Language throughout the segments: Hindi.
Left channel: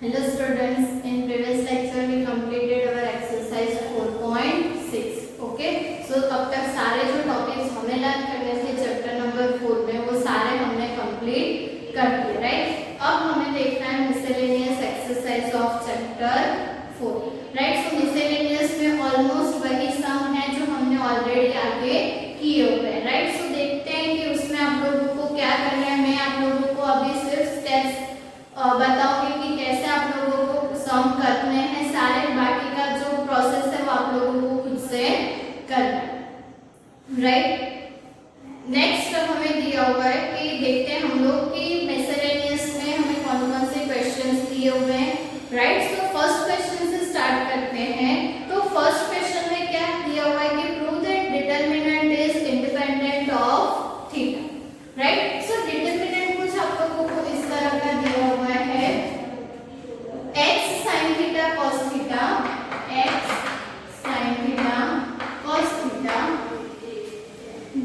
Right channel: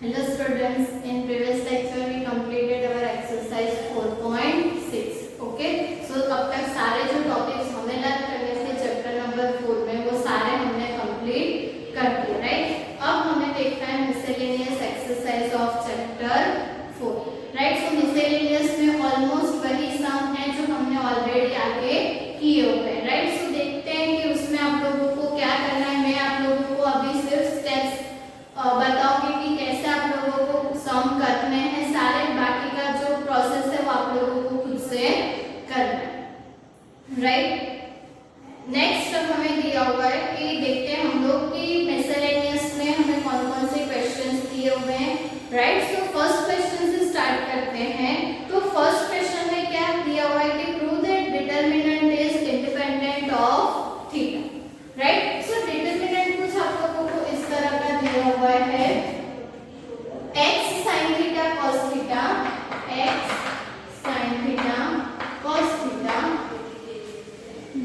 Hello students, in previous lecture we completed our exercise 4.6. Okay, so अब तक सारे जो टॉपिक्स हमें लर्न करने थे चैप्टर नंबर 4 में वो सारे हमने कंप्लीट कर दिए, राइट। अब हमें देखना है miscellaneous exercise of chapter 4, right. So miscellaneous में ऑलमोस्ट वही सम है जो हमने ऑलरेडी आगे किए हुए हैं, राइट। सो देखते हैं कि उसमें आप लोगों को क्या करना है। मैं आप लोगों को अभी सिर्फ स्टेप्स बताऊंगी कि कैसे आप लोगों को सम करने हैं। सारे बाकी का जो प्रोसेस है वो आप लोगों को खुद से करना है, राइट। नेक्स्ट हमें दिया हुआ है कि देखते हैं हम लोग कि मिसलेनियस में हमें कौन कौन से क्वेश्चंस दिए हुए हैं, राइट। सो फर्स्ट क्वेश्चन से स्टार्ट करते हैं। तो फर्स्ट क्वेश्चन में क्या दिया हुआ है कि prove that determinant is independent of theta, right. So determinant कुछ आप लोगों को इस तरह का दिया हुआ है x sin theta cos theta, x sin theta cos theta,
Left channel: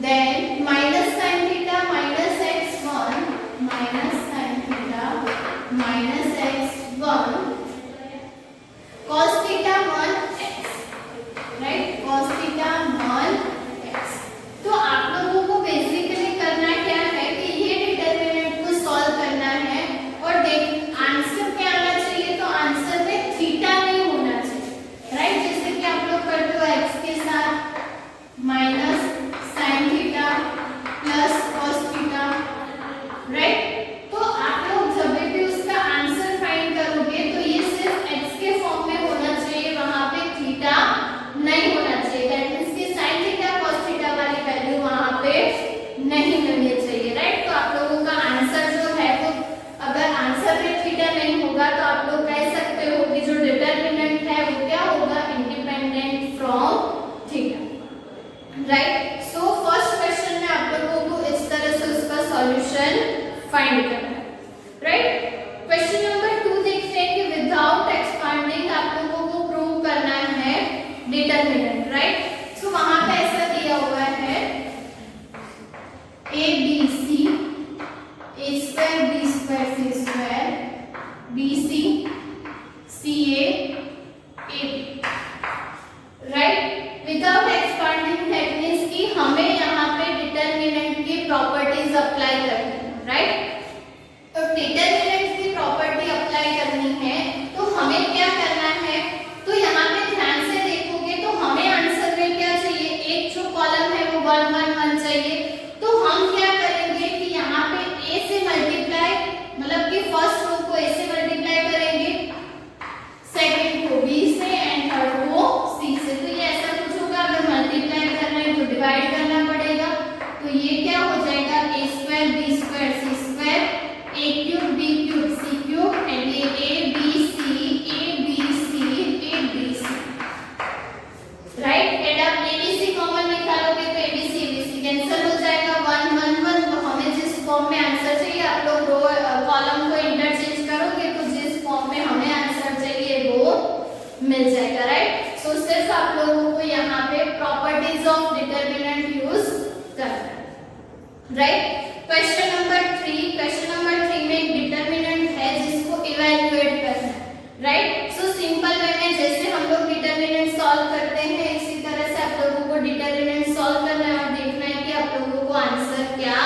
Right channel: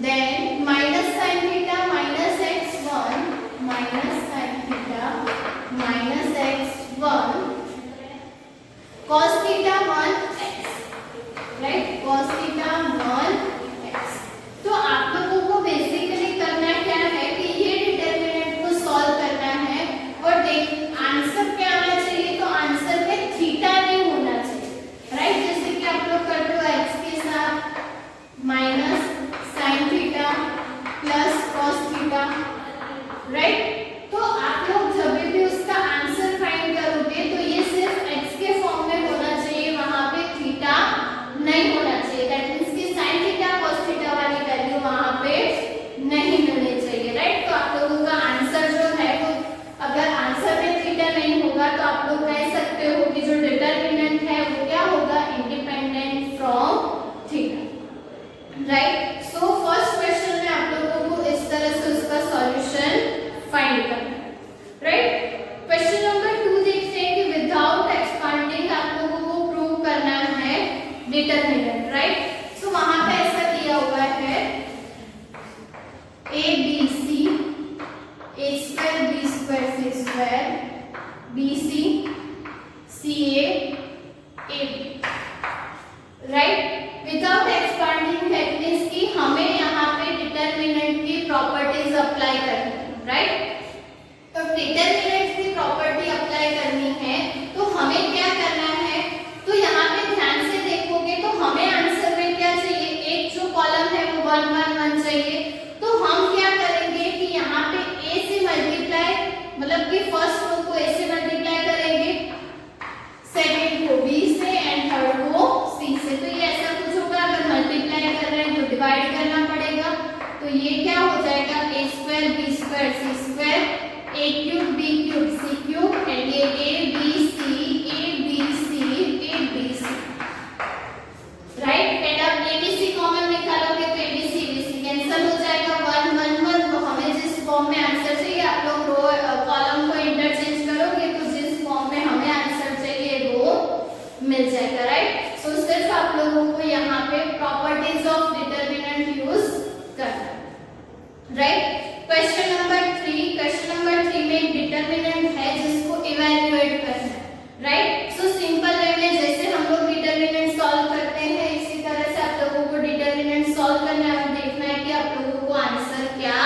then minus sin theta minus x1 minus sin theta minus x1 cos theta 1x, right, cos theta 1x। तो आप लोगों को बेसिकली करना क्या है कि ये डिटरमिनेंट को सॉल्व करना है और देख आंसर क्या आना चाहिए। तो आंसर में थीटा नहीं होना चाहिए, राइट। जैसे कि आप लोग करते हो x के साथ minus sin theta plus cos theta, right. तो आप लोग जब भी उसका आंसर फाइंड करोगे तो ये सिर्फ x के फॉर्म में होना चाहिए, वहां पे थीटा नहीं होना चाहिए। दैट मींस कि sin थीटा cos थीटा वाली वैल्यू वहां पे नहीं मिलनी चाहिए, राइट। तो आप लोगों का आंसर जो है वो अगर आंसर में थीटा नहीं होगा तो आप लोग कह सकते हो कि जो डिटरमिनेंट है वो क्या होगा, independent from theta, right. So first question में आप लोगों को इस तरह से उसका सॉल्यूशन फाइंड करना है, राइट। क्वेश्चन नंबर 2 देखते हैं कि विदाउट एक्सपांडिंग आप लोगों को प्रूव करना है डिटरमिनेंट, राइट। सो वहां पे ऐसा दिया हुआ है a b c a square b square c square b c c a a b, right. Without expanding that means कि हमें यहाँ पे डिटरमिनेंट की प्रॉपर्टीज अप्लाई करनी है, राइट। तो डिटरमिनेंट की प्रॉपर्टी अप्लाई करनी है तो हमें क्या करना है। तो यहाँ पे ध्यान से देखोगे तो हमें आंसर में क्या चाहिए, एक जो कॉलम है वो 1 1 1 चाहिए। तो हम क्या करेंगे कि यहाँ पे a से मल्टीप्लाई, मतलब कि फर्स्ट रो को a से मल्टीप्लाई करेंगे, सेकंड को b से एंड थर्ड को c से। तो ये ऐसा कुछ होगा, अगर मल्टीप्लाई कर रहे हैं तो डिवाइड करना पड़ेगा। तो ये क्या हो जाएगा, a square b square c square a cube b cube c cube and ये a b c right. And अब abc कॉमन निकालोगे तो abc abc कैंसिल हो जाएगा, 1 1 1। तो हमें जिस फॉर्म में आंसर चाहिए, आप लोग रो कॉलम को इंटरचेंज करोगे तो जिस फॉर्म में हमें आंसर चाहिए वो मिल जाएगा, राइट। सो सिर्फ आप लोगों को यहाँ पे प्रॉपर्टीज ऑफ डिटरमिनेंट यूज करना है, राइट। क्वेश्चन नंबर 3 में एक डिटरमिनेंट है जिसको इवैल्यूएट करना है, राइट। सो सिंपल वे में जैसे हम लोग डिटरमिनेंट सॉल्व करते हैं इसी तरह से आप लोगों को डिटरमिनेंट सॉल्व करना है और देखना है कि आप लोगों को आंसर क्या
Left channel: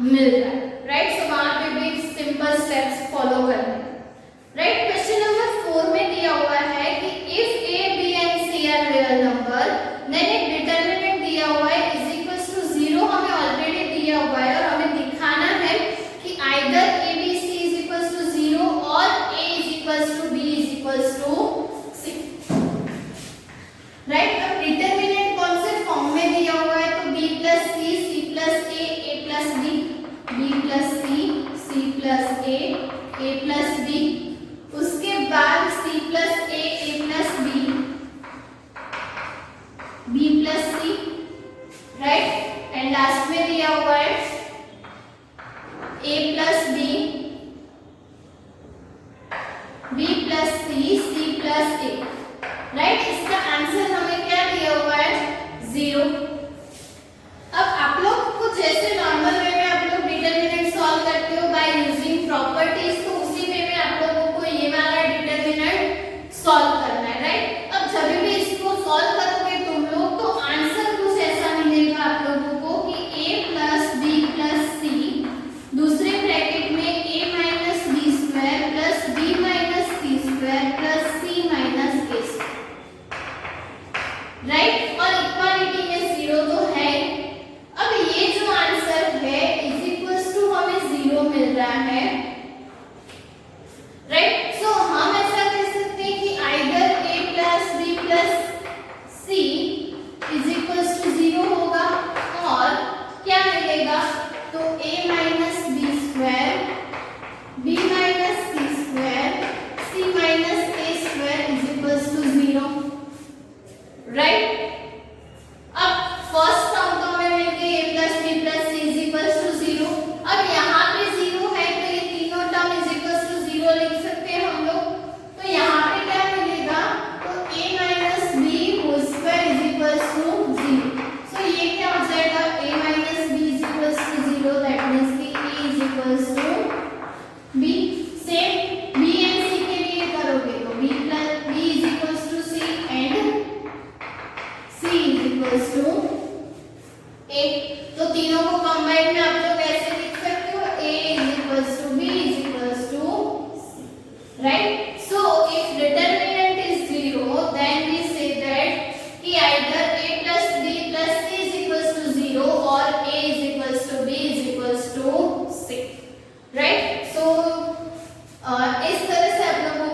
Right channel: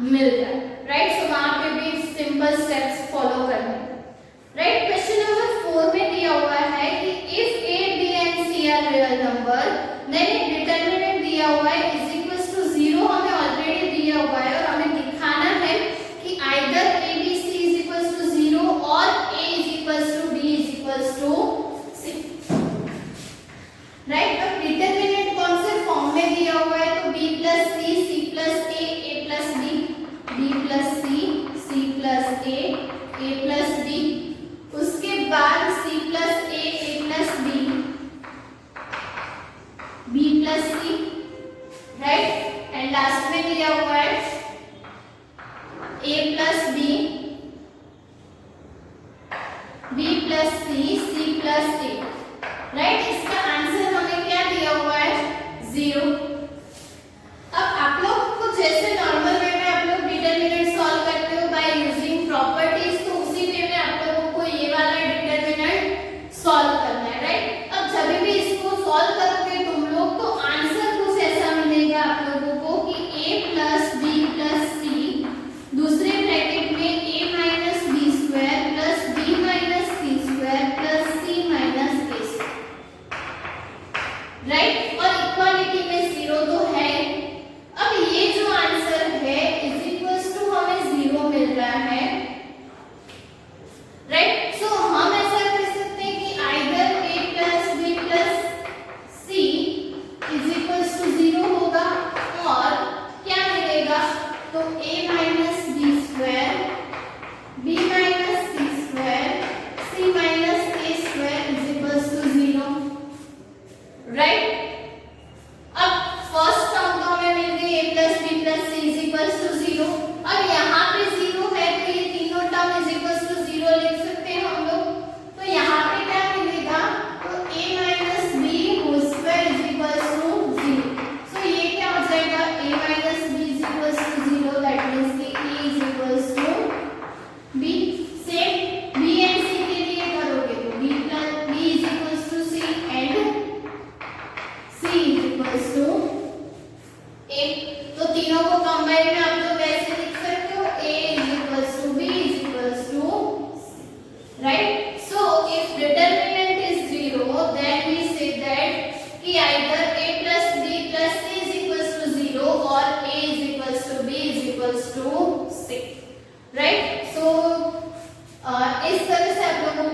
मिल रहा है, राइट। सो वहां पे भी सिंपल स्टेप्स फॉलो करना है, राइट। क्वेश्चन नंबर 4 में दिया हुआ है कि if a b and c are real number, then एक डिटरमिनेंट दिया हुआ है इज इक्वल्स टू 0 हमें ऑलरेडी दिया हुआ है और हमें दिखाना है कि either a b c is equals to 0 और a is equals to b is equals to c, right. अब डिटरमिनेंट कौन से फॉर्म में दिया हुआ है, तो b plus c c plus a plus d, b plus c c plus a plus d, उसके बाद c plus a plus b plus c, right. And last में दिया हुआ है a plus b plus c plus a, right. इसका आंसर हमें क्या दिया हुआ है, 0। अब आप लोग को जैसे नॉर्मल वे में आप लोग डिटरमिनेंट सॉल्व करते हो बाय यूजिंग प्रॉपर्टीज, तो उसी वे में आप लोगों को ये वाला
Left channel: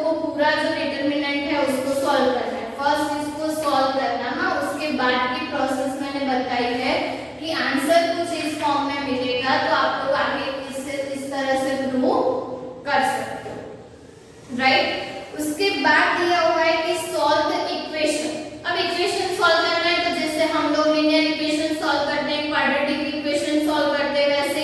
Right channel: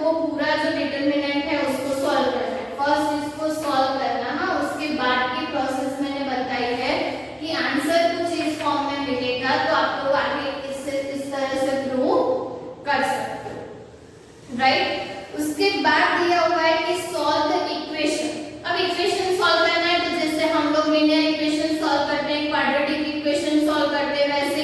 को पूरा जो डिटरमिनेंट है उसको सॉल्व करना है। फर्स्ट इसको सॉल्व करना, हाँ, उसके बाद की प्रोसेस मैंने बताई है कि आंसर कुछ इस फॉर्म में मिलेगा तो आप लोग आगे इससे इस तरह से प्रूव कर सकते हो, राइट। उसके बाद दिया हुआ है कि सॉल्व द इक्वेशन। अब इक्वेशन सॉल्व करना है तो जैसे हम लोग लीनियर इक्वेशन सॉल्व करते हैं, क्वाड्रेटिक इक्वेशन सॉल्व करते हैं, वैसे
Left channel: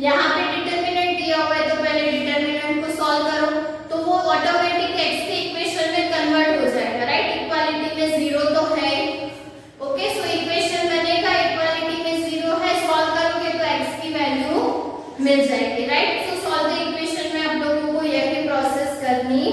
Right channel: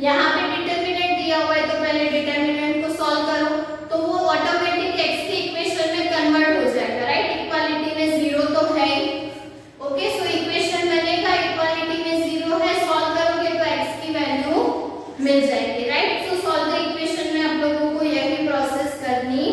यहाँ पे डिटरमिनेंट दिया हुआ है तो पहले डिटरमिनेंट को सॉल्व करो तो वो ऑटोमेटिक x के इक्वेशन में कन्वर्ट हो जाएगा, राइट। इक्वालिटी में 0 तो है, ओके। सो इक्वेशन बनेगा, इक्वालिटी में 0 है, सॉल्व करोगे तो x की वैल्यू मिल जाएगी, right. So solve the equation में आप लोगों को यही प्रोसेस करनी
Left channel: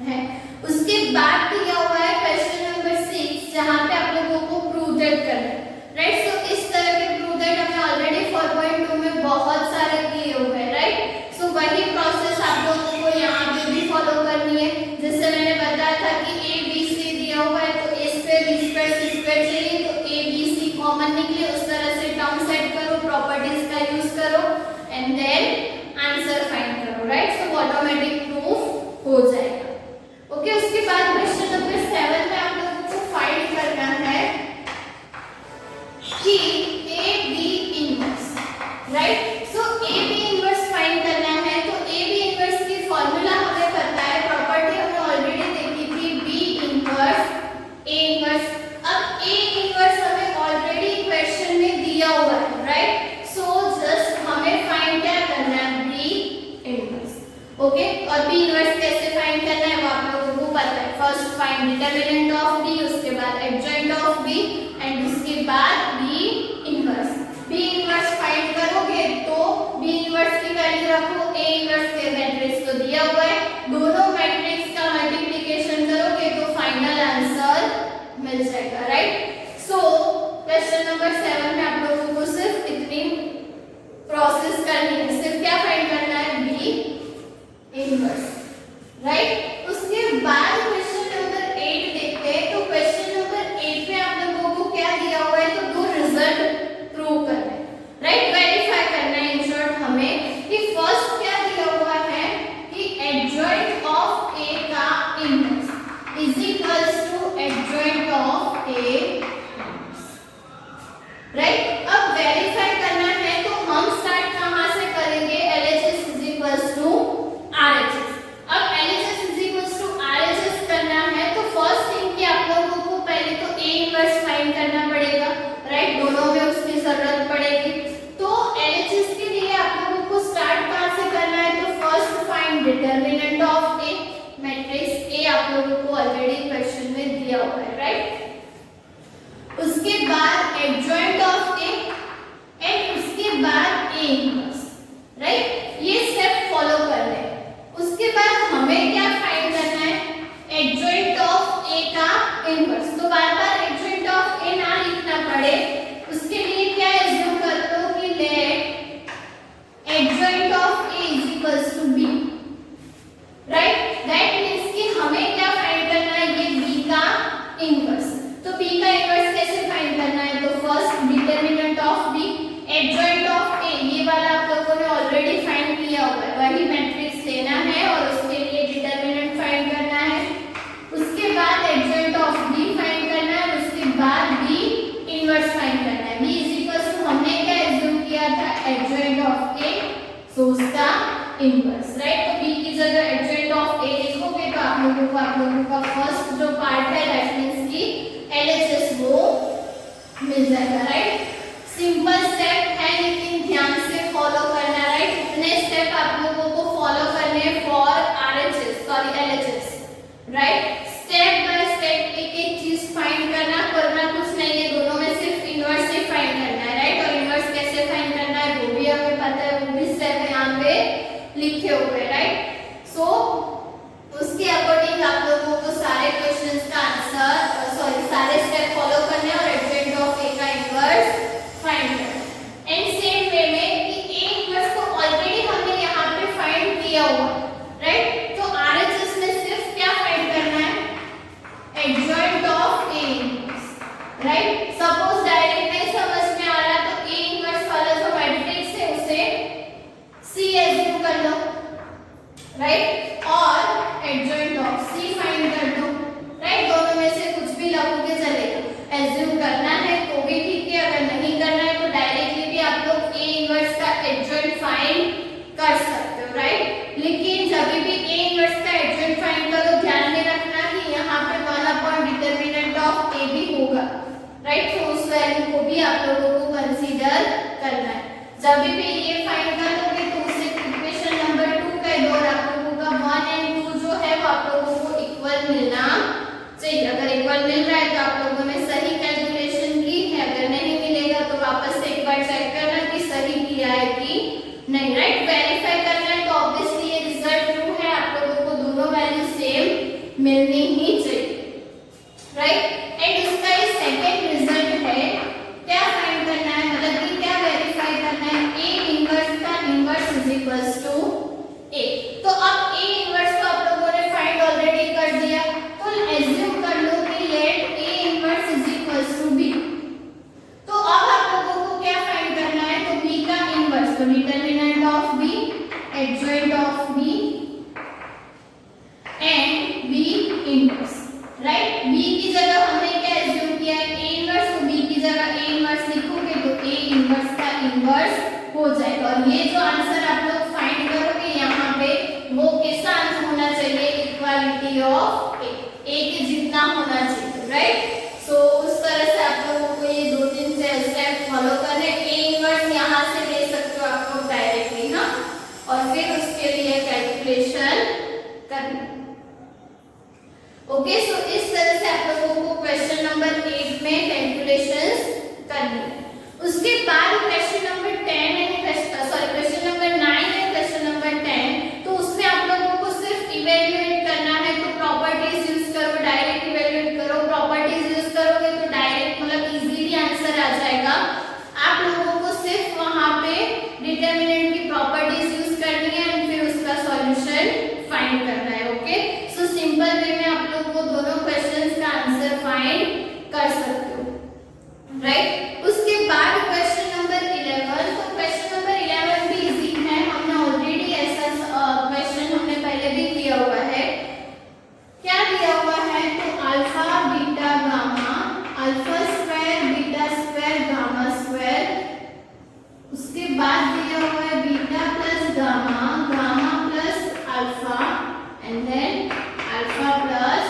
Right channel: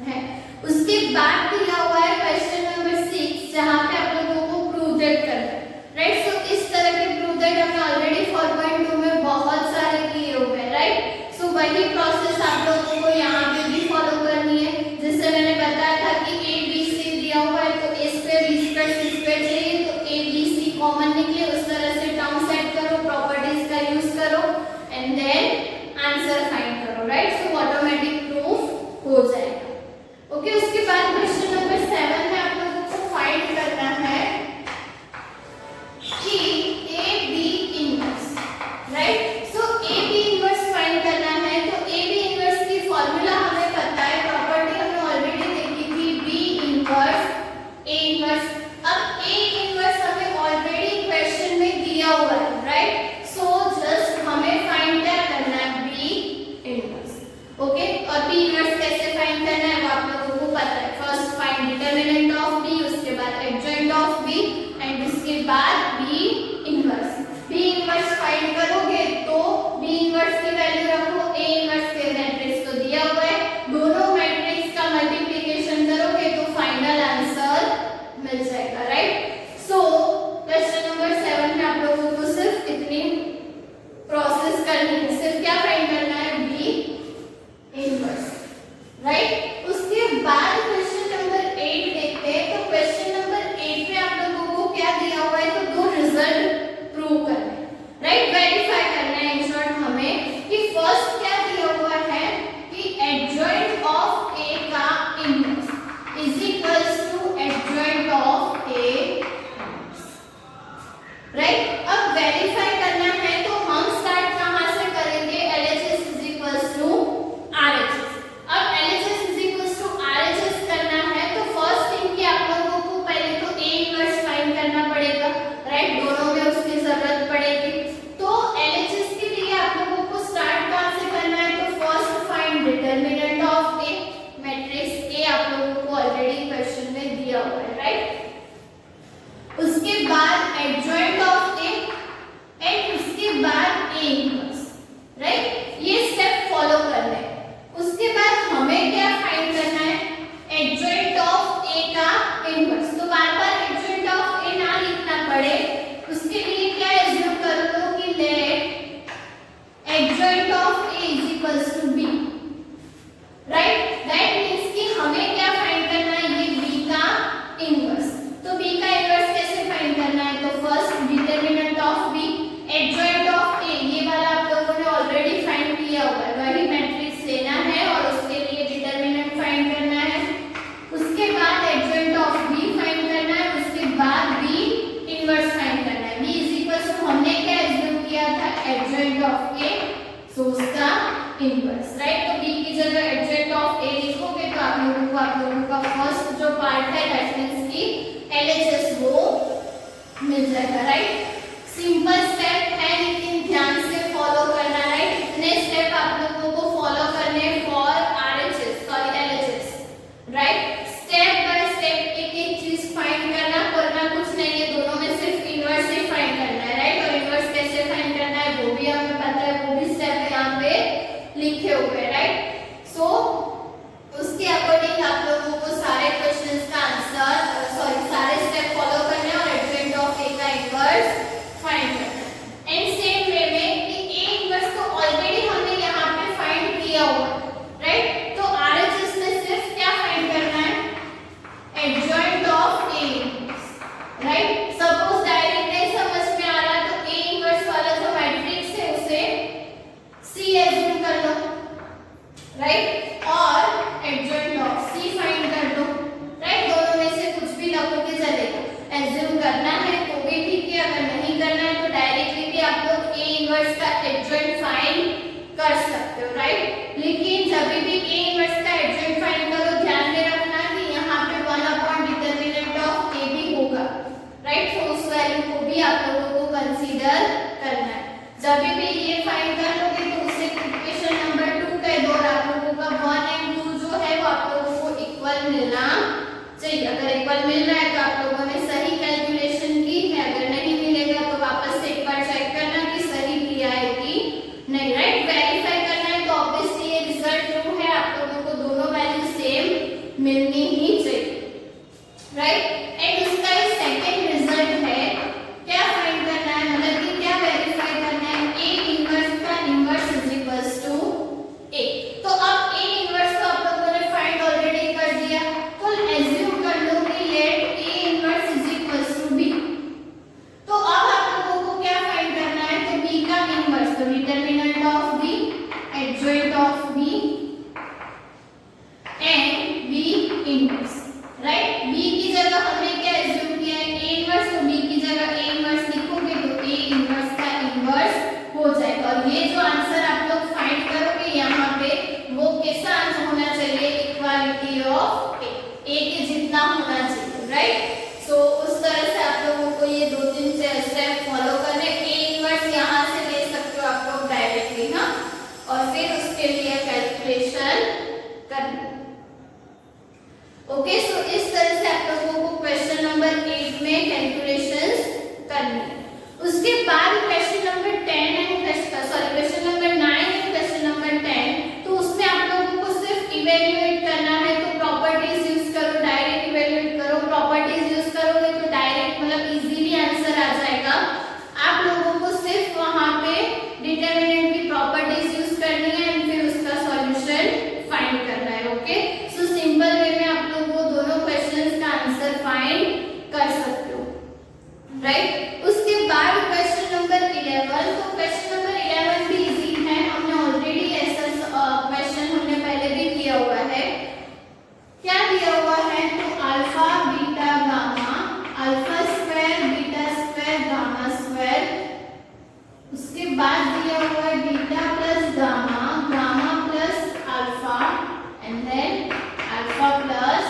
है। उसके बाद दिया हुआ है क्वेश्चन नंबर 6 जहां पे आप लोगों को प्रूव दैट करना है, राइट। सो इस तरह के प्रूव दैट हमने ऑलरेडी 4.2 में बहुत सारे किए हुए हैं, राइट। सो वही प्रोसेस आप लोगों को यहाँ पे भी फॉलो करनी है। जैसे मैंने बताया था कि a b c दिया हुआ है तो a square b square c square चाहिए तो a b c कॉमन निकले, उस तरह से टर्म सेट करो, प्रॉपर्टीज का यूज करो एंड देन आंसर फाइंड करो, राइट। सो ऑटोमेटिक प्रूफ हो जाएगा, ओके। उसके बाद क्वेश्चन नंबर 7 में आप लोगों को फाइंड करना है कि a b inverse, right. So a b inverse find करना है तो a b इनवर्स की फॉर्मूला हमें पता है, प्रॉपर्टी हमने ऑलरेडी देखी थी, b इनवर्स a इनवर्स। अब a इनवर्स हमें ऑलरेडी क्वेश्चन में दिया हुआ है, राइट। सो जस्ट हमें फाइंड क्या करना है, b इनवर्स, ओके। और b इनवर्स कैसे फाइंड करना है वो आप लोगों को पता है। First find determinant of b, उसके बाद एडजॉइंट ऑफ b एंड उसके बाद b inverse. b inverse find करोगे तो b इनवर्स की वैल्यू रखो, a इनवर्स के मैट्रिक्स तो दिया हुआ है, दोनों मैट्रिक्स का मल्टीप्लिकेशन करोगे तो फाइनल आंसर मिल जाएगा, राइट। सो क्वेश्चन नंबर 7 में आप लोगों को सिर्फ इतनी प्रोसेस करनी है, सिर्फ क्या फाइंड करना है, b इनवर्स, राइट। उसके बाद क्वेश्चन नंबर 8 देखते हैं। तो क्वेश्चन नंबर 8 में आप लोगों को क्या दिया हुआ है, तो दो रिजल्ट प्रूव करना है, राइट, वेरीफाई करना है। इन शॉर्ट हमें कि फर्स्ट क्या दिया हुआ है कि एडजॉइंट ऑफ a का inverse is equals to adjoint of a inverse, right. अब वेरीफाई करना है तो हम स्टार्ट कहां से करेंगे, LHS is equals to RHS। अब LHS is equals to RHS करना है तो फर्स्ट थिंग कि आप लोगों को पहले तो a इनवर्स फाइंड करना पड़ेगा, राइट। दोनों में उसकी जरूरत पड़ेगी तो LHS के लिए आप लोगों को स्टार्ट कहां से करना है, तो first find determinant of a, matrix a आप लोगों को ऑलरेडी क्वेश्चन में दिया हुआ है, राइट। उसके बाद एडजॉइंट ऑफ a एंड उसके बाद a इनवर्स, राइट। ये स्टेप फॉलो करना है। उसके बाद हमें क्या फाइंड करना है, एडजॉइंट ऑफ a का इनवर्स। तो बार-बार एडजॉइंट ऑफ a ना लिखना पड़े उसके लिए क्या एज्यूम कर लो कि let adjoint of a is equals to b, right. That means कि हमें क्या फाइंड करना है, ये b का इनवर्स। तो b का इनवर्स कैसे फाइंड करना है, तो first determinant of b, adjoint of a, ये वाला आप लोगों ने ऑलरेडी फाइंड किया हुआ है, वही मैट्रिक्स लेना है और उसके लिए डिटरमिनेंट फाइंड करना है। उसके बाद एडजॉइंट ऑफ b फाइंड करना है, उसके बाद b इनवर्स फाइंड करना है। b इज इक्वल्स टू हमने क्या एज्यूम किया था, एडजॉइंट ऑफ a, सो उसका इनवर्स, राइट। तो b की जगह एडजॉइंट ऑफ a लिखोगे तो आप लोगों का फर्स्ट जो पार्ट है दैट मींस की LHS वो मिल जाएगा, राइट। सिंपल स्टेप है लेकिन ध्यान से फॉलो करना, राइट। इतने स्टेप आप लोगों को फॉलो करने हैं for LHS, right. Step by step एक एक चीज फाइंड करना कुछ नहीं है, दोनों में सिर्फ इनवर्स ही फाइंड करना है, राइट। और इनवर्स कैसे फाइंड करना है वो भी हमें पता है, वो भी स्टेप यहाँ पे लिखे हुए हैं, राइट। सो उसके अकॉर्डिंग आप लोगों को सारे क्वेश्चंस का आंसर सारे स्टेप फॉलो करने और एडजॉइंट ऑफ a का इनवर्स फाइंड करना। एंड सेम वे में कि a इनवर्स को ऑलरेडी हमने यहाँ पे इक्वल मिल रहा है तो आप लोगों ने सही कैलकुलेशन की है, अगर नहीं मिलेगा तो वापस से एक बार चेक करना कि सही किया है कि नहीं, राइट। वेरीफाई करना है तो ऑब्वियसली ये रिजल्ट ट्रू है, आप लोगों को दोनों वैल्यू सेम मिलनी ही चाहिए, राइट। एंड उसका ये सेकंड रिजल्ट है, क्या फाइंड करना है, मतलब कि क्या वेरीफाई करना है, ए इनवर्स का इनवर्स इज इक्वल्स टू ए। तो अब ए इनवर्स को आप लोगों ने फाइंड ऑलरेडी कर दिया, तो एज्यूम कर लो कि let A inverse is equals to B. तो अब आप लोगों को क्या फाइंड करना है, तो बी का इनवर्स, तो determinant of B, adjoint of B and B inverse, right. B की जगह हमने क्या एज्यूम किया है, ए इनवर्स, तो बी की जगह ए इनवर्स लिखोगे तो ए इनवर्स का इनवर्स हो जाएगा। और ये जो आंसर आप लोग फाइंड करोगे यहाँ पे वो कैसा आंसर होना चाहिए, इक्वालिटी ऑफ ए के जितना होना चाहिए, राइट। सो उस तरह से आप लोगों को ये 2-3 से स्टेप फॉलो करने, ए इनवर्स यहाँ से ले सकते हो आप लोग डायरेक्टली ना, और फिर उसके लिए कैलकुलेशन करना। ओके, सो इस तरह से आप लोगों को क्वेश्चन नंबर 8 में कैलकुलेशंस करनी है। उसके बाद क्वेश्चन नंबर 10 है, क्वेश्चन नंबर 9 है, क्वेश्चन नंबर 10, तो उसमें आप लोगों को सिर्फ इवेल्युएट करना है। तो प्रॉपर्टीज यूज करो, डायरेक्ट इवेल्युएट करो, प्रॉपर्टीज यूज करोगे तो डायरेक्ट मतलब इजीली आंसर आ जाएगा। आप लोगों को सिर्फ वहां पे डिटरमिनेंट की प्रॉपर्टीज यूज करनी है एंड फिर उसका सॉल्यूशन फाइंड करना है। ओके, सो सिंपल वे में आप लोग वो दोनों क्वेश्चंस का आंसर फाइंड कर सकते हो, राइट। उसके बाद क्वेश्चन नंबर 11, तो क्वेश्चन नंबर 11 भी इजी है, हमने ऑलरेडी ऐसा क्वेश्चन हमने पहले भी किया हुआ है। क्या दिया हुआ है, तो alpha beta gamma, alpha square beta square gamma square, उसके बाद दिया हुआ है beta plus gamma, gamma plus alpha and then alpha plus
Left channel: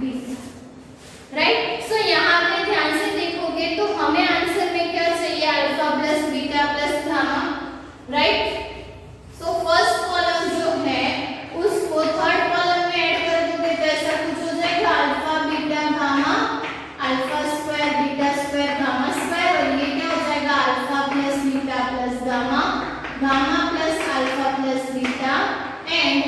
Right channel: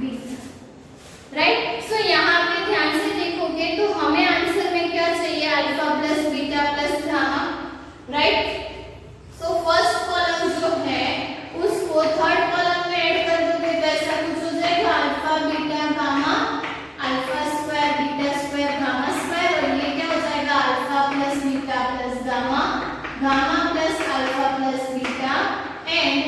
beta, right. So यहाँ पे ध्यान से देखोगे तो हमें आंसर में क्या चाहिए, alpha plus beta plus gamma, right. So first column जो है उसको थर्ड कॉलम में ऐड कर दोगे तो ऐसा कुछ हो जाएगा, alpha beta gamma, alpha square beta square gamma square, और ये क्या हो जाएगा, alpha plus beta plus gamma, gamma plus alpha plus beta and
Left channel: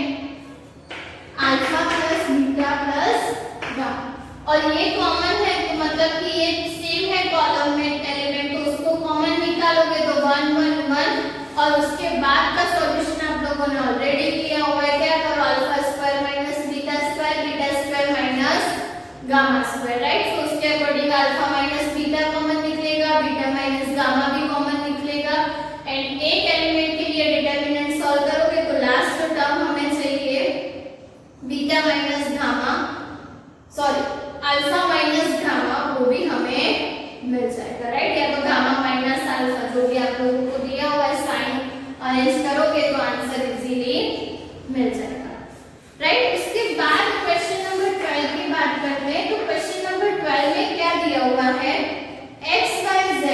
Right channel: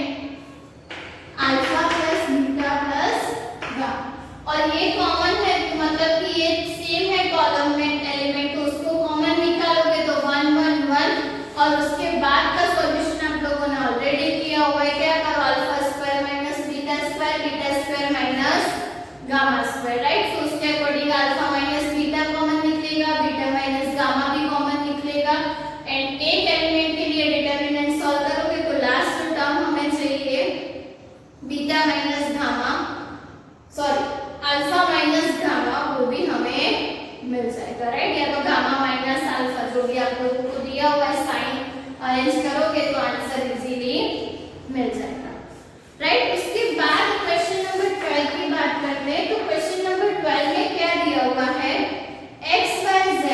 alpha plus beta plus gamma. और ये कॉमन है, मतलब कि ये सेम है कॉलम में एलिमेंट, तो उसको कॉमन निकालोगे तो 1 1 1, और उसके बाद का सॉल्यूशन आप लोगों ने ऑलरेडी किया हुआ है, क्या करो, alpha square minus beta square minus gamma square, right. तो उसके according alpha minus beta common निकलेगा, बीटा माइनस गामा भी कॉमन निकलेगा, एंड एक एलिमेंट के लिए डिटरमिनेंट सॉल्व करोगे तो लास्ट जो टर्म हमें चाहिए beta minus gamma, sorry alpha minus gamma, वो भी हमें मिल जाएगा, राइट। या तो गामा माइनस अल्फा, जो भी आप लोगों को दिया हुआ है साइन अरेंज करोगे तो आंसर इजीली मिल जाएगा, राइट। इसके बाद क्वेश्चन नंबर 12 की बात करते हैं। तो क्वेश्चन नंबर 12 में क्या दिया हुआ है, x y z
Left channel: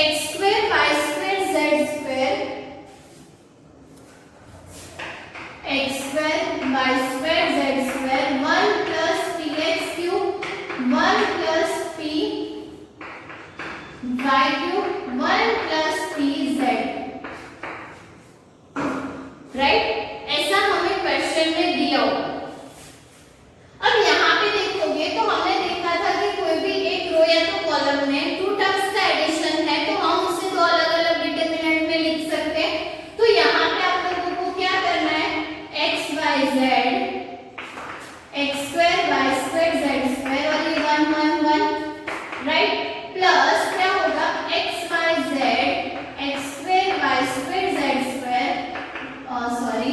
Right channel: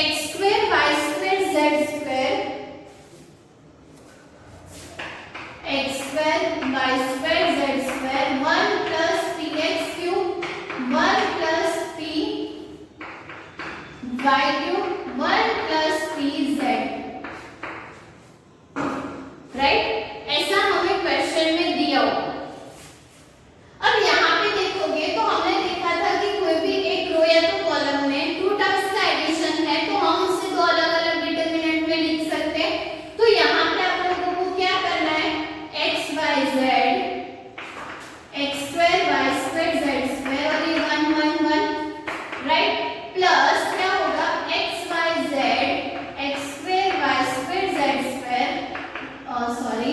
x square y square z square, x square y square z square, 1 plus px cube, 1 plus p y cube, 1 plus pz, right. ऐसा हमें क्वेश्चन में दिया हुआ। अब यहाँ पे देखोगे तो हमने देखा था कि कोई भी एक रो या तो कॉलम में 2 टर्म्स का एडिशन है तो हम उसे 2 अलग अलग डिटरमिनेंट में लिख सकते हैं। तो यहाँ पे आप लोगों को क्या करना है, x y z, x square y square z square, और ये 1 1 1, राइट, प्लस क्या होगा, x y z x square y square z square, sorry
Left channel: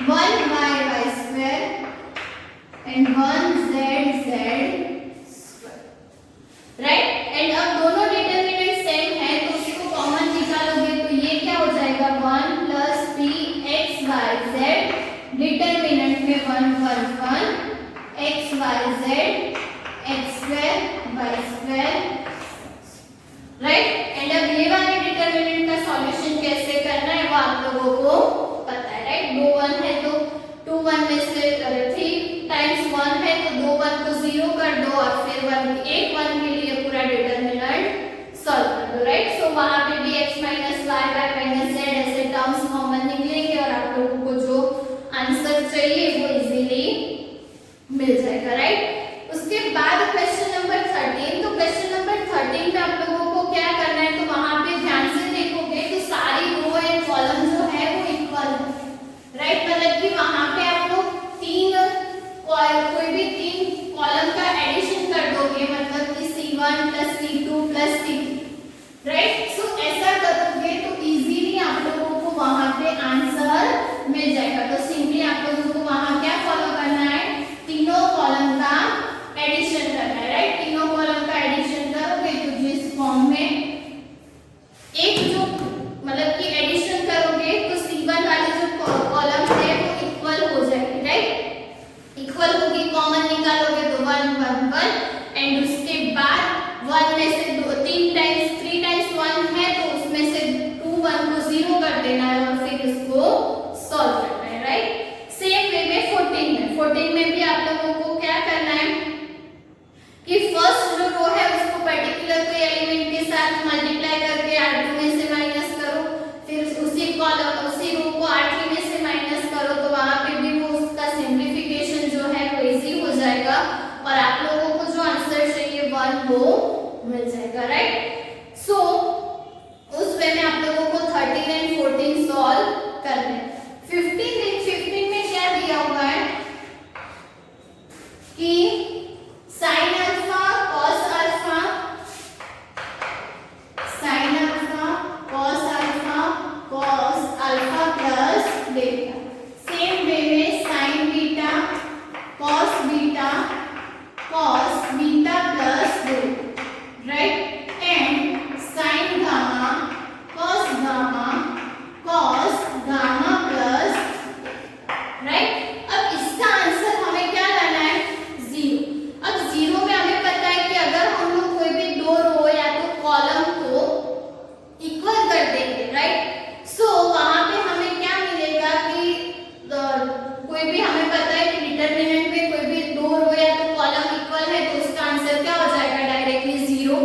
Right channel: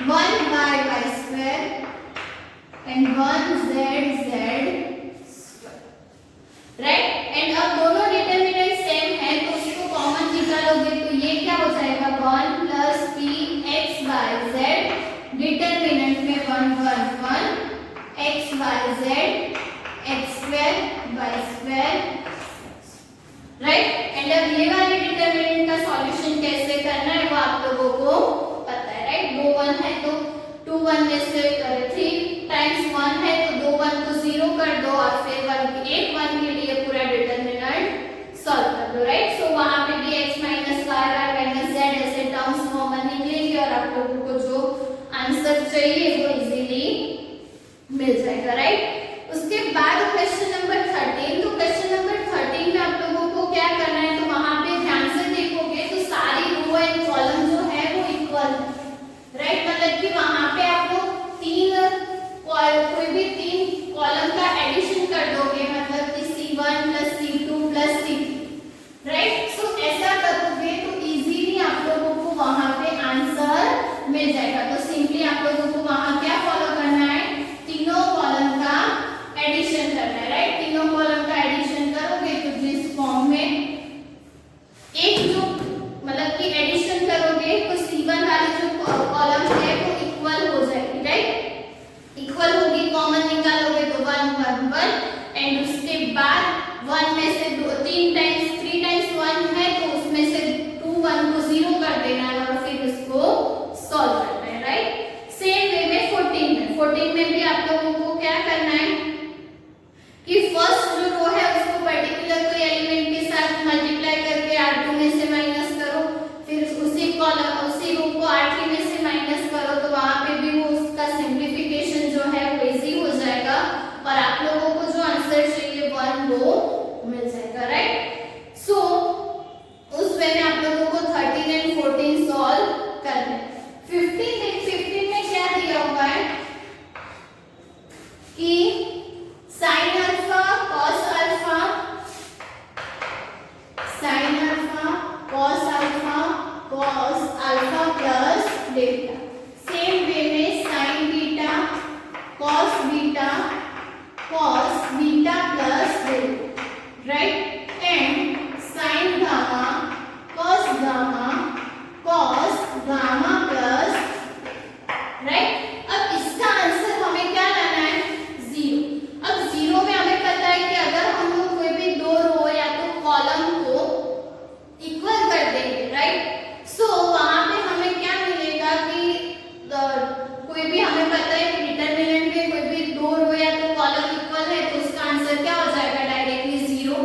1 y square and 1 z square, right. And अब दोनों डिटरमिनेंट सेम है तो उसको कॉमन निकालोगे तो ये क्या हो जाएगा 1 plus p x y z, determinant में 1 1 1 x y z x square y square, right. And अब ये वाले डिटरमिनेंट का सॉल्यूशन कैसे करना है वो आप लोगों को पता है, राइट। दो 1 है तो 2 1 में से 3 टाइम्स 1 है तो दो 1 को 0 कर दो और फिर 1 के लिए पूरा डिटरमिनेंट सॉल्व कर दो, राइट। सो वहां पे dx minus y y minus z ऐसे टर्म्स कॉमन निकलेंगे और आप लोगों को जो आंसर चाहिए वो इजीली मिल जाएगा, राइट। उसके बाद क्वेश्चन नंबर 13, तो क्वेश्चन नंबर 13 में आप लोगों को क्या करना है, तो वहां पे ध्यान से देखोगे तो सारी रो एंड कॉलम जो है वो इक्वल है, राइट। मतलब कि वहां पे आप लोग कोई भी तीन कॉलम का एडिशन कर दोगे, मतलब कि C1 plus C2 plus C3, right. सो ऐसा करोगे तो इजीली आप लोगों को वहां पे आंसर मिल जाएगा। तो सिंपली आप लोगों को वहां क्या फॉलो करना है, तीनों कॉलम का एडिशन करना है, राइट। तीनों कॉलम का एडिशन करोगे तो जिस फॉर्म में एक जो मतलब कि एडिशन करोगे तो C1 वाली जो कॉलम है वो इक्वल हो जाएगी, राइट। इक्वल होगी, कॉमन निकालोगे तो 1 1 1 एंड उसके बाद 1 में से 3 टाइम्स 1 है तो उसमें से 2 1 को 0 कर देना है और फिर उसको सॉल्व करना है, राइट। सेम वे में 14 में भी आप लोगों को क्या करना है कि फर्स्ट जो रो है उसको पर्टिकुलर कोई एलिमेंट के साथ मल्टीप्लाई करके R2 में से माइनस करो, फिर उसी कॉलम उसी रो को R3 में से माइनस करो, तो वहां पे भी वो उसका सिंप्लीफिकेशन जो है वो इजी हो जाएगा और आप लोगों को जो आंसर चाहिए 1 वो मिल जाएगा, राइट। सो उस वे में आप लोगों को 13 एंड 14 सॉल्व करना है। 15 में क्या दिया हुआ है कि sin alpha cos alpha sin alpha cos alpha cos alpha plus delta, same way में sin beta cos beta plus delta, right. And sin gamma cos gamma plus, right. अब इसका आंसर हमें क्या लाना है 0। अब 0 में हमें पता है कि अगर हम लोग कोई भी दो रो या तो कॉलम को इक्वल कर देंगे, राइट। सो वहां पे हमें क्या मिलेगा कि कोई भी हमें पता है कि डिटरमिनेंट में कोई भी दो रो या तो कॉलम इक्वल है तो उसका आंसर क्या हो जाएगा डायरेक्टली 0,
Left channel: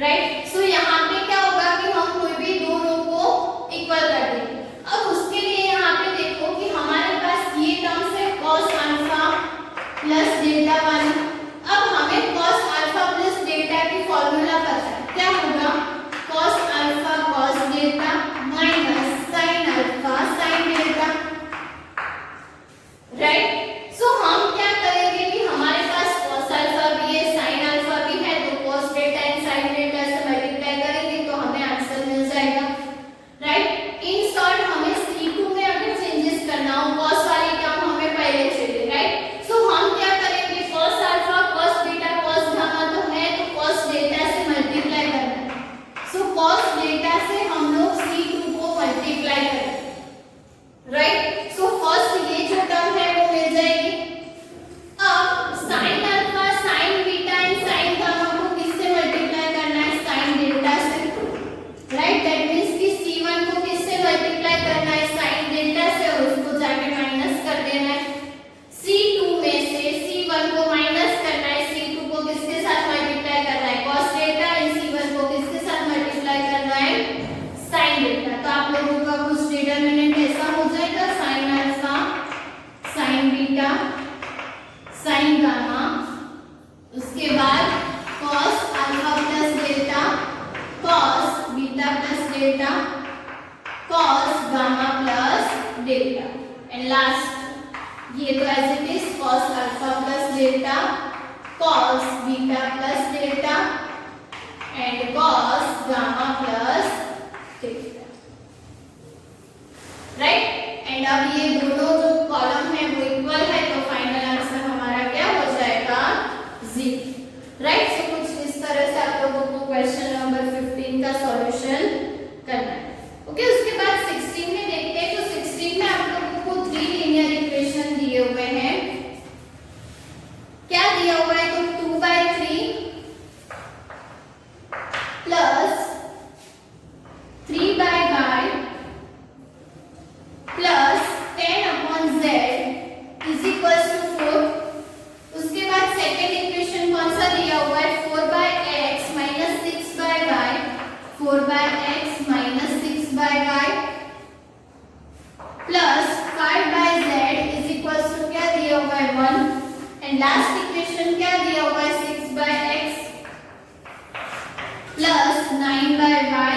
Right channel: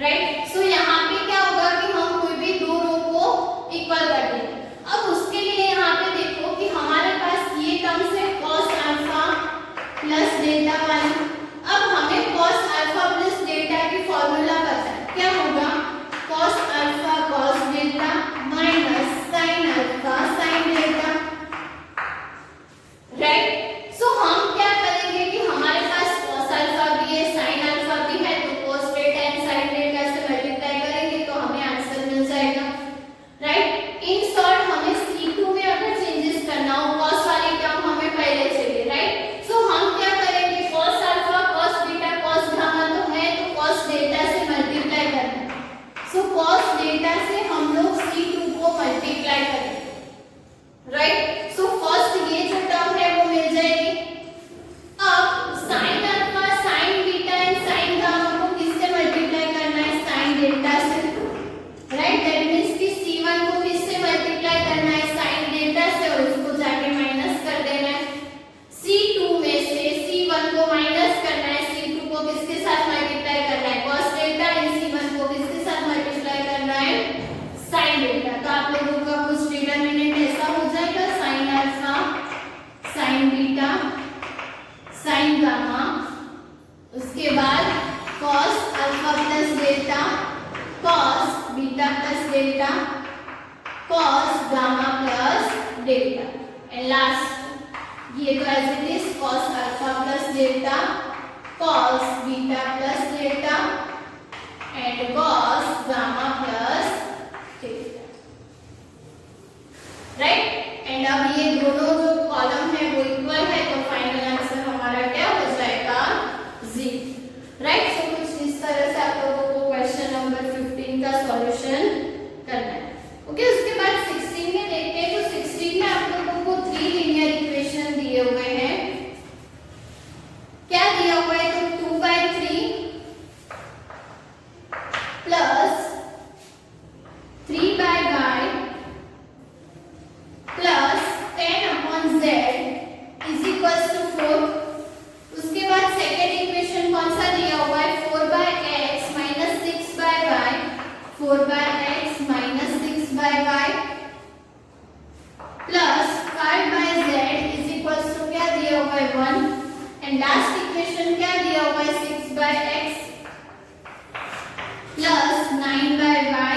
राइट। सो यहाँ पे क्या होगा कि हम कोई भी दो रो को इक्वल कर देंगे। अब उसके लिए यहाँ पे देखो कि हमारे पास ये टर्म्स है cos अल्फा प्लस डेल्टा 1। अब हमें cos अल्फा प्लस डेल्टा की फॉर्मूला पता है, क्या होगा cos alpha cos delta minus sin alpha sin delta, right. So हम क्या करेंगे कि हमारे पास cos अल्फा भी है sin अल्फा भी है तो cos delta and sin delta से मल्टीप्लाई करेंगे तो हमें आंसर मिल जाएगा, राइट। इन शॉर्ट हमें C2 में अगर चेंजेस करना हो cos वाली टर्म हमें पहले चाहिए, राइट। सो हम क्या करेंगे cos alpha cos beta cos gamma तो है तो cos डेल्टा से मल्टीप्लाई करना है, सो cos डेल्टा से हम लोग C2 को मल्टीप्लाई करेंगे, राइट। सो फर्स्ट ये जो टर्म है वो मिल जाएगी। अब sin alpha sin beta and sin gamma को किससे मल्टीप्लाई करना है sin डेल्टा से, राइट। दैट मींस कि C1 को किससे मल्टीप्लाई करना है sin डेल्टा से और उसको जाके माइनस कर देना है। C2 में से C1 को माइनस करना है, C2 को किसके साथ मल्टीप्लाई करना है cos डेल्टा एंड C1 को किसके साथ मल्टीप्लाई करना है sin डेल्टा। तो आप लोगों का कुछ डिटरमिनेंट ऐसा हो जाएगा sin alpha sin beta sin gamma, उसके बाद cos alpha plus delta cos beta plus delta cos gamma plus delta and last ये तो as it is cos alpha plus delta cos beta plus delta and cos gamma plus delta, right. And अब ये दोनों जो एंड लास्ट इक्वेशन क्या दिया हुआ है 6/x plus 9/y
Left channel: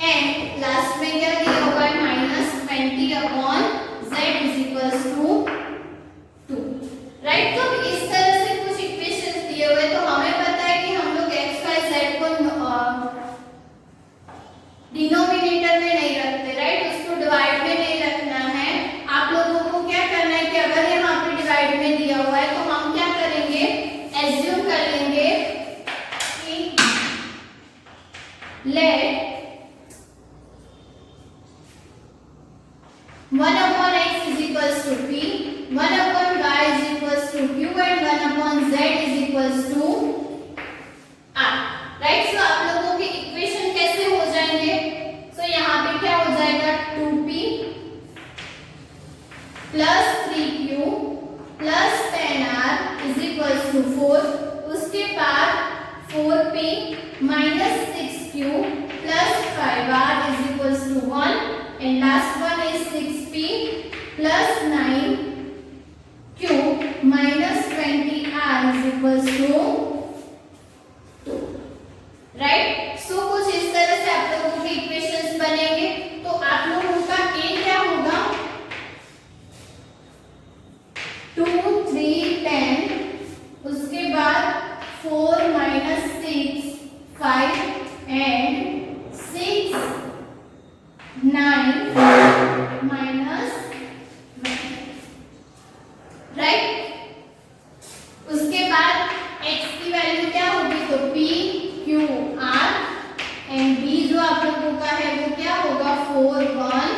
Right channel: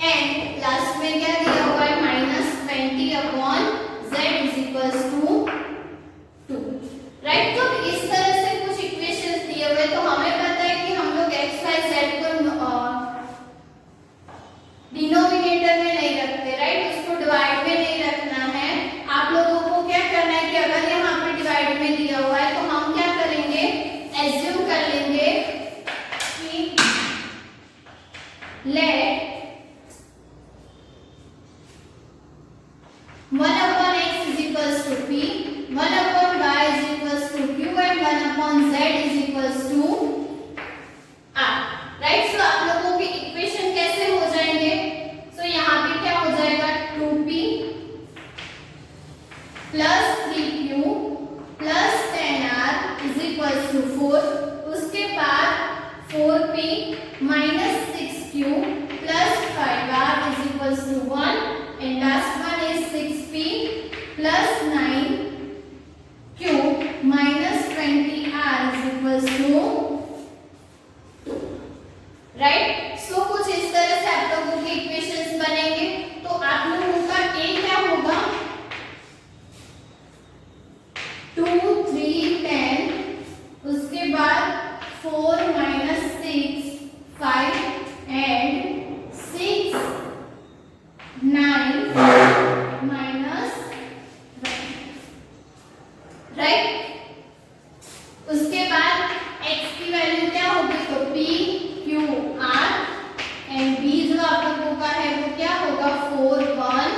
and last में क्या दिया हुआ है -20/z is equals to 2, right. तो इस तरह से कुछ इक्वेशंस दिए हुए, तो हमें पता है कि हम लोग x y z को डिनोमिनेटर में नहीं रखते, राइट, उसको डिवाइड में नहीं रखना है। आप लोगों को क्या करना है कि अगर यहाँ पे डिवाइड में दिया हुआ है तो हम क्या करेंगे, एज्यूम कर लेंगे कि late 1/x is equals to p, 1/y is equals to q and 1/z is equals to r, right. So आप लोगों के इक्वेशन कैसे हो जाएंगे, सो यहाँ पे क्या हो जाएगा 2p plus 3q plus 10r is equals to 4, उसके बाद 4p minus 6q plus 5r is equals to 1 and last one is 6p plus 9q minus 20r is equals to 2, right. So कुछ इस तरह से आप लोगों की इक्वेशंस बनेंगे। तो आप लोगों का a क्या होगा 2 3 10, उसके बाद 4 minus 6 5 and 6 9 minus 1, राइट। उसके बाद x की वैल्यू क्या होगी, तो p q r and b जो आप लोगों का है वो क्या होगा 4 1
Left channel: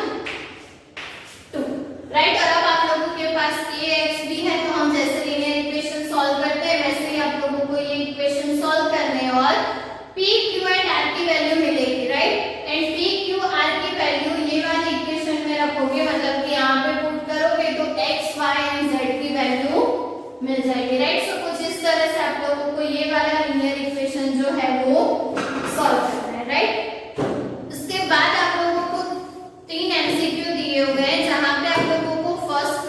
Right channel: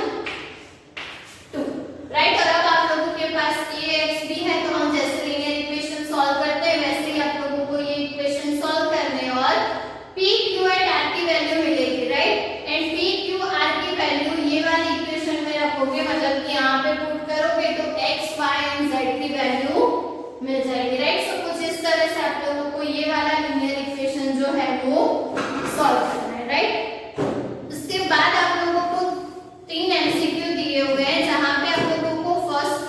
2, राइट। और अब आप लोगों के पास a x b है, तो हम जैसे लीनियर इक्वेशन सॉल्व करते हैं वैसे ही आप लोगों को ये इक्वेशन सॉल्व करने और p q एंड r की वैल्यू मिलेगी, right. And p q r की वैल्यू ये वाली इक्वेशन में रखोगे, मतलब कि यहाँ पे पुट करोगे तो x y एंड z की वैल्यू मिल जाएगी, राइट। सो कुछ इस तरह से आप लोगों को ये वाला लीनियर इक्वेशन जो है वो सॉल्व करना है, राइट। उसके बाद आप लोगों को 3 एमसीक्यू दिए हुए हैं, जहां पे आप लोगों को फर्स्ट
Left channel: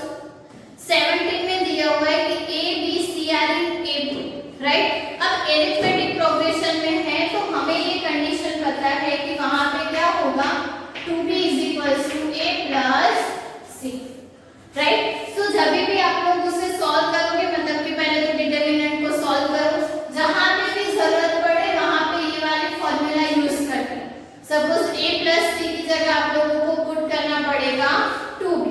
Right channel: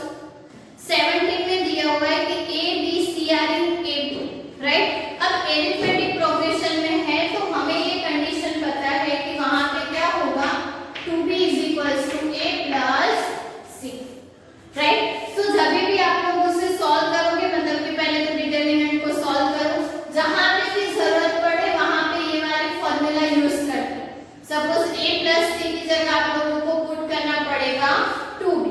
17 में दिया हुआ है कि a b c r in a b, right. अब एरिथमेटिक प्रोग्रेशन में है तो हमें ये कंडीशन पता है कि वहां पे क्या होगा 2b is equals to a plus c, right. तो जब भी आप लोग उसे सॉल्व करोगे, मतलब कि पहले तो डिटरमिनेंट को सॉल्व करो, जहां पे भी जरूरत पड़े वहां पे ये वाली फॉर्मूला यूज करते हैं। सपोज a plus c की जगह आप लोगों को पुट करना पड़ेगा 2b,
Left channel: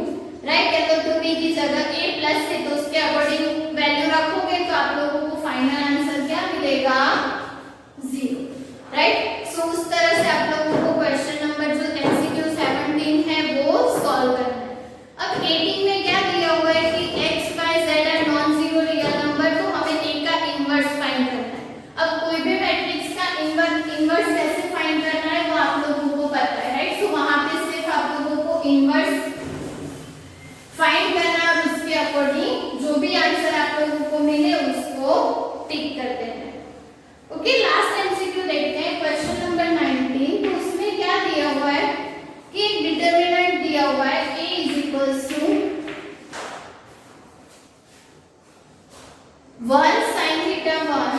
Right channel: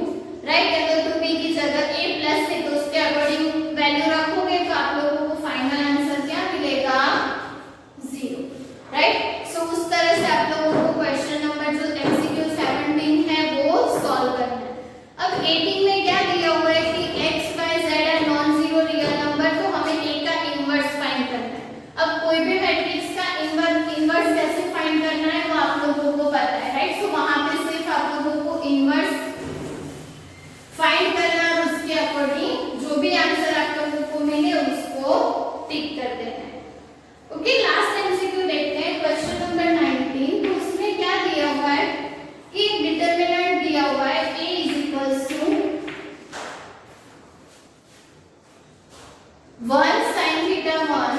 राइट। तो 2b की जगह a plus c, तो उसके अकॉर्डिंग वैल्यू रखोगे तो आप लोगों को फाइनल आंसर क्या मिलेगा 0, राइट। सो उस तरह से आप लोगों को क्वेश्चन नंबर जो एमसीक्यू 17 है वो सॉल्व करना है। अब 18 में क्या दिया हुआ है कि x y z are non zero real number, तो हमें a का इनवर्स फाइंड करना है। अब कोई भी मैट्रिक्स का इनवर्स कैसे फाइंड करना है वो आप लोगों को पता है, राइट। तो वहां पे सिर्फ आप लोगों को इनवर्स फाइंड करना और उसके अकॉर्डिंग जो भी आंसर आप लोगों को मिले उसको टिक कर देना है। ओके, लास्ट एमसीक्यू देखते हैं, क्वेश्चन नंबर 19। तो उसमें क्या दिया हुआ है कि डिटरमिनेंट दिया हुआ है a is equals to 1 sin theta 1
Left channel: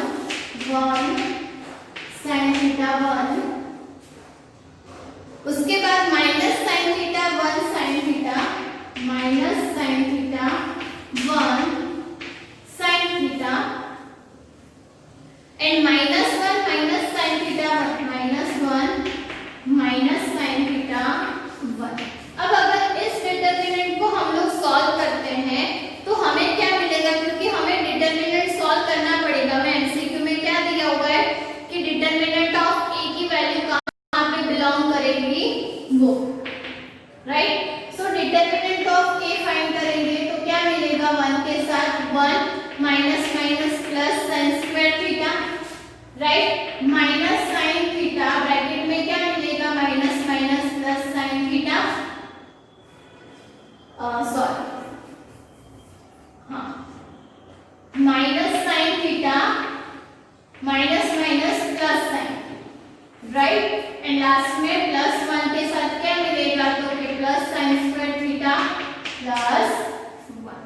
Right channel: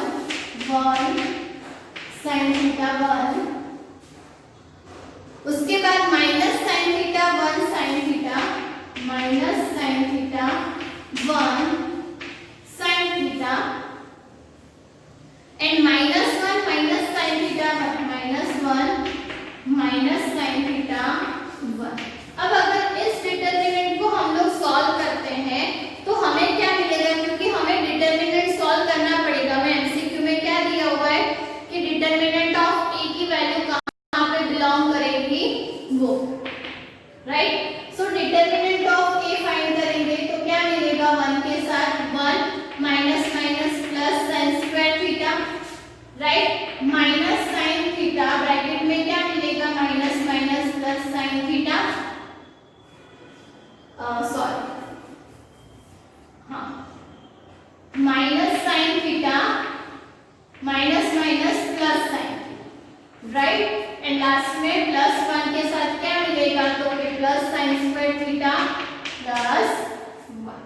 sin theta 1, उसके बाद minus sin theta 1 sin theta minus sin theta 1 sin theta and -1 minus sin theta 1 minus sin theta 1। अब अगर इस डिटरमिनेंट को हम लोग सॉल्व करते हैं तो हमें क्या मिलेगा, क्योंकि हमें डिटरमिनेंट सॉल्व करना पड़ेगा। मैं एमसीक्यू में क्या दिया हुआ है कि डिटरमिनेंट ऑफ a की वैल्यू कहां पे बिलोंग करेगी वो, right. So determinant of a find करेंगे तो क्या मिलेगा 1 के साथ 1 minus minus plus sin square theta, right, minus sin theta bracket में क्या मिलेगा minus minus plus sin theta, sorry हाँ, minus sin theta minus minus plus sin, right. And last में प्लस 1 के साथ क्या मिलेगा, तो कि plus sin square theta plus 1,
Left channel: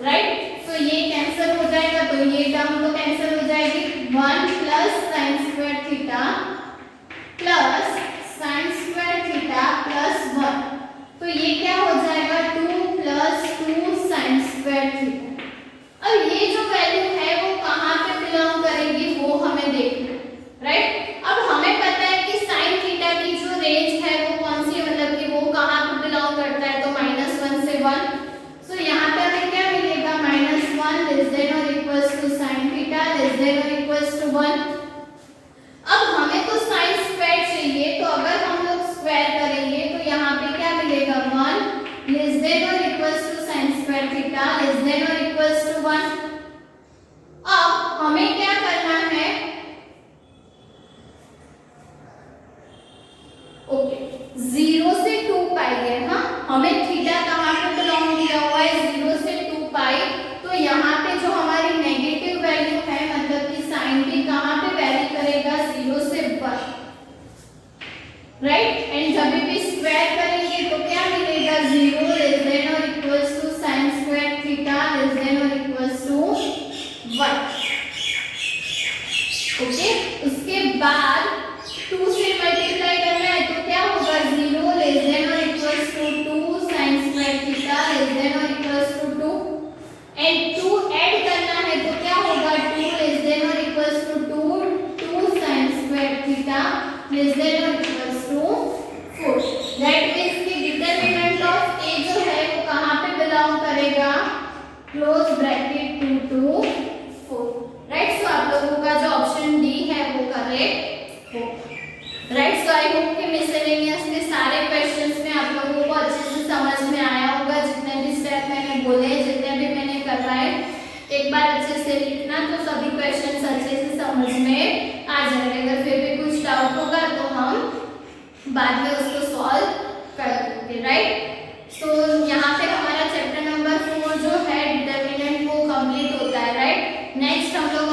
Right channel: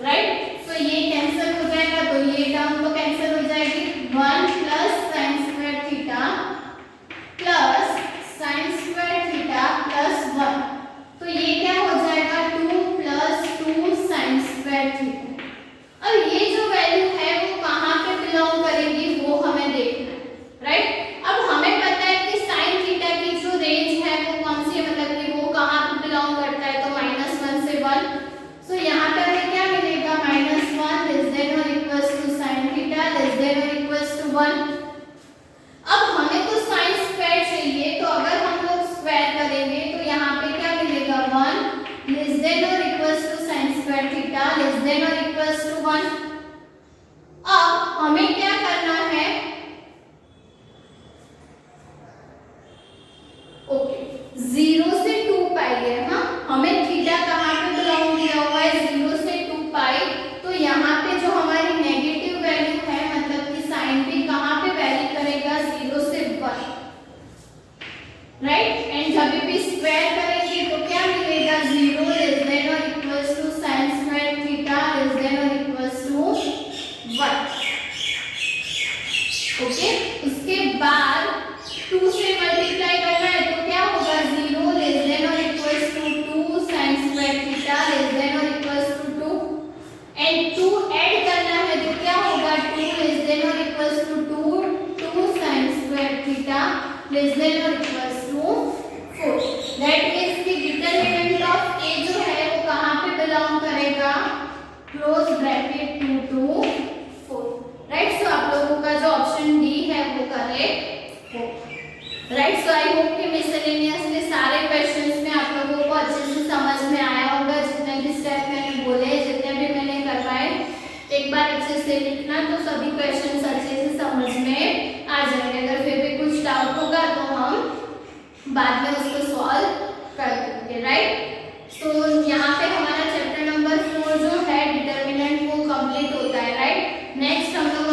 right. तो ये देन और इक्वल्स टू 1। अब हमें क्या करना है, ओके 0 से 2 पाई है, हाँ हमें थीटा कहाँ पे बिलोंग किया हुआ है, 0 से 2 पाई। तो यहाँ पे जो हमारी नेगेटिव वैल्यू है, मतलब कि साइन भी कहाँ पे वैरी करेगा, 0 से 1, राइट। एंड जब भी स्क्वायर करेंगे तो क्या मिलेगा, 0 लेस देन और equals to sine square theta less than और इक्वल्स टू 1। ओके, उसके बाद 2 से मल्टीप्लाई करना है तो क्या होगा, 0 लेस देन और equals to 2 sin square theta less than और इक्वल्स टू 2। एंड 2 ऐड करना है तो क्या होगा, 2 लेस देन और equals to 2 sin square theta less than और इक्वल्स टू 4। दैट मींस कि डिटरमिनेंट ऑफ a जो है वो कहां पे बिलोंग करेगा, close bracket 2 to 4, right. So आप लोगों का जो ऑप्शन डी है वो करेक्ट हो, राइट। सो आई होप कि मिसलेनियस के सारे क्वेश्चंस में आप लोगों को अच्छे से समझ में आया होगा। जितने भी स्टेप मैंने बोले, जितने भी मैंने करवाए, एक बार अच्छे से लिखना तो सभी क्वेश्चंस अच्छे से समझ में आ जाएंगे। अगर फिर भी कुछ डाउट होगा तो हम बाद में उसको सॉल्व कर देंगे, राइट। सो यहाँ पे हमारा चैप्टर नंबर 4 जो है डिटर्मिनेंट वो कंप्लीट होता है, राइट। नेक्स्ट हम लोग